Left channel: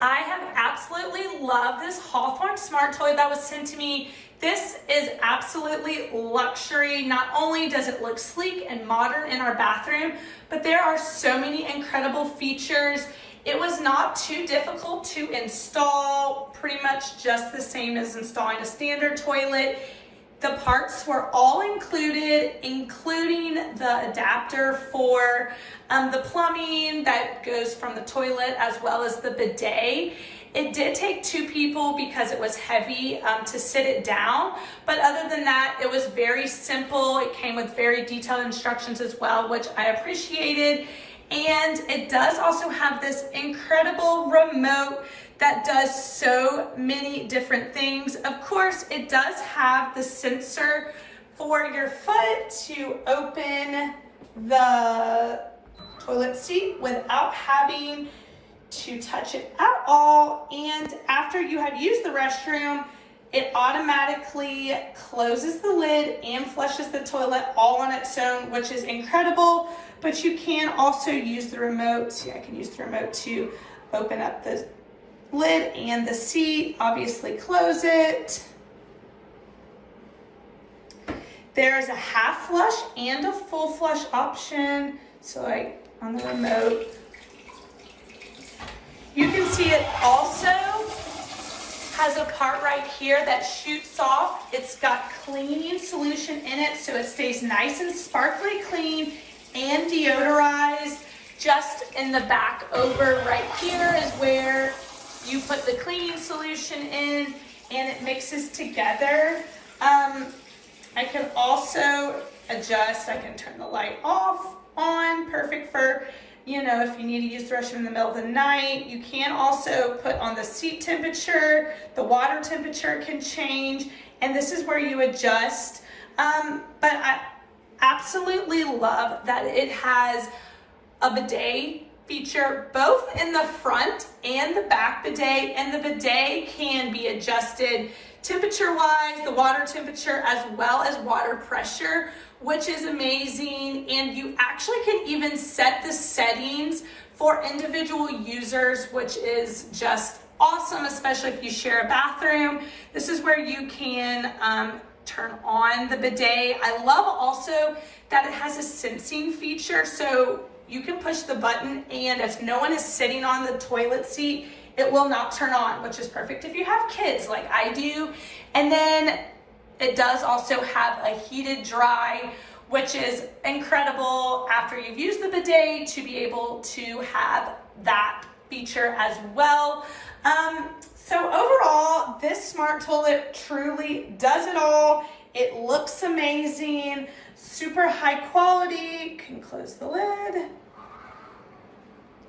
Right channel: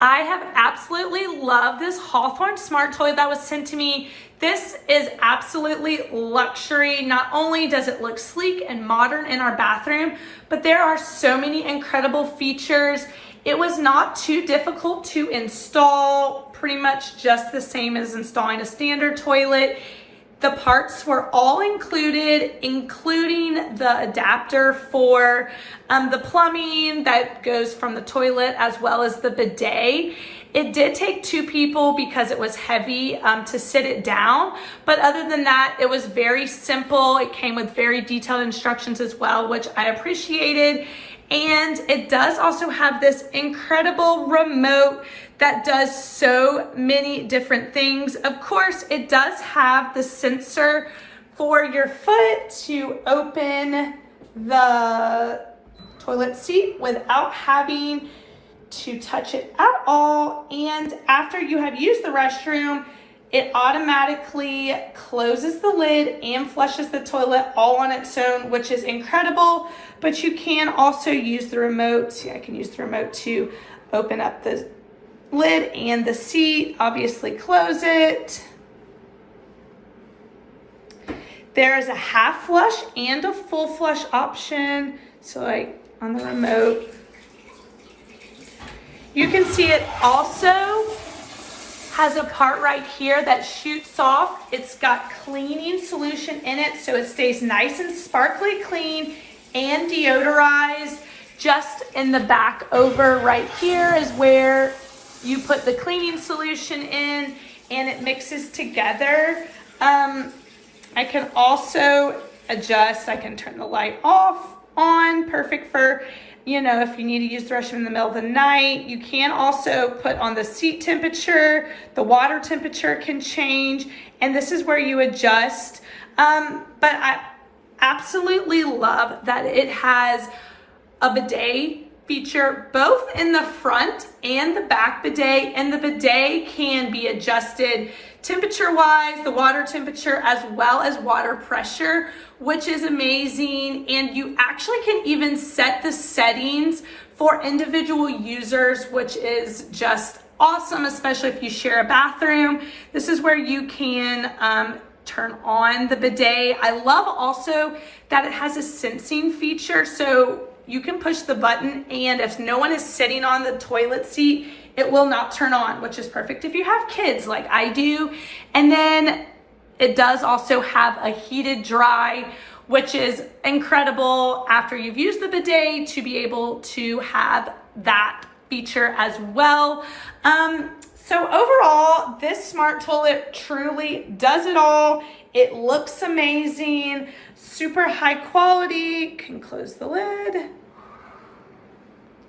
I have absolutely loved this Hawthorne Smart Toilet that was sent to me. This is absolutely luxury. Not only does it look sleek and modern in our bathroom, but there are so many incredible features. It was not too difficult to install, pretty much just the same as installing a standard toilet. The parts were all included, including the adapter for the plumbing that goes from the toilet, as well as the bidet. It did take 2 people because it was heavy to sit it down, but other than that, it was very simple. It came with very detailed instructions as well, which I appreciated. And it does also have this incredible remote that does so many different things. Of course, it does have the sensor for your foot to open the toilet seat without having to touch it at all. And after you have used the restroom, it automatically closes the lid and flushes the toilet all on its own, which is incredible. But you can also use the remote. See, I can use the remote to open up the lid and the seat, obviously close it. There is a half flush and a full flush option. So like on the remote, you can see it also has a part right here that shoots off. It's got cleaning solution in it, so it stays nice and sparkly clean and deodorized. Just in the back over right here is where you put the cleaning solution in and it mixes together. I can also adjust, I can turn the light off, on, perfect for, you know, if you need to use the restroom in the middle of the night. You can also put on the seat temperature, the water temperature can change, and this is where you adjust. But I absolutely love that it has a bidet feature both in the front and the back bidet, and the bidet can be adjusted temperature wise, the water temperature as well as water pressure, which is amazing. And you actually can even set the settings for individual users, which is just awesome, especially if you share a bathroom. This is where you can turn on the bidet. I love also that it has a sensing feature, so you can push the button and if no one is sitting on the toilet seat, it will not turn on, which is perfect if you have kids like I do. And then it does also have a heated dry, which is incredible after you've used the bidet to be able to have that feature as well. So overall, this smart toilet truly does it all. It looks amazing, super high quality. Can close the lid.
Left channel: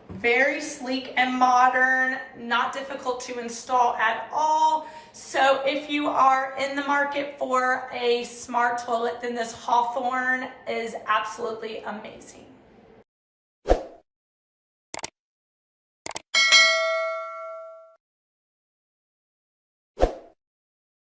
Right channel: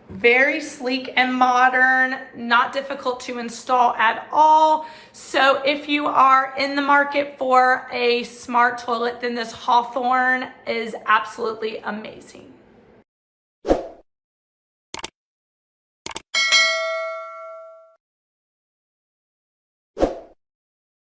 Very sleek and modern, not difficult to install at all. So if you are in the market for a smart toilet, then this Hawthorne is absolutely amazing.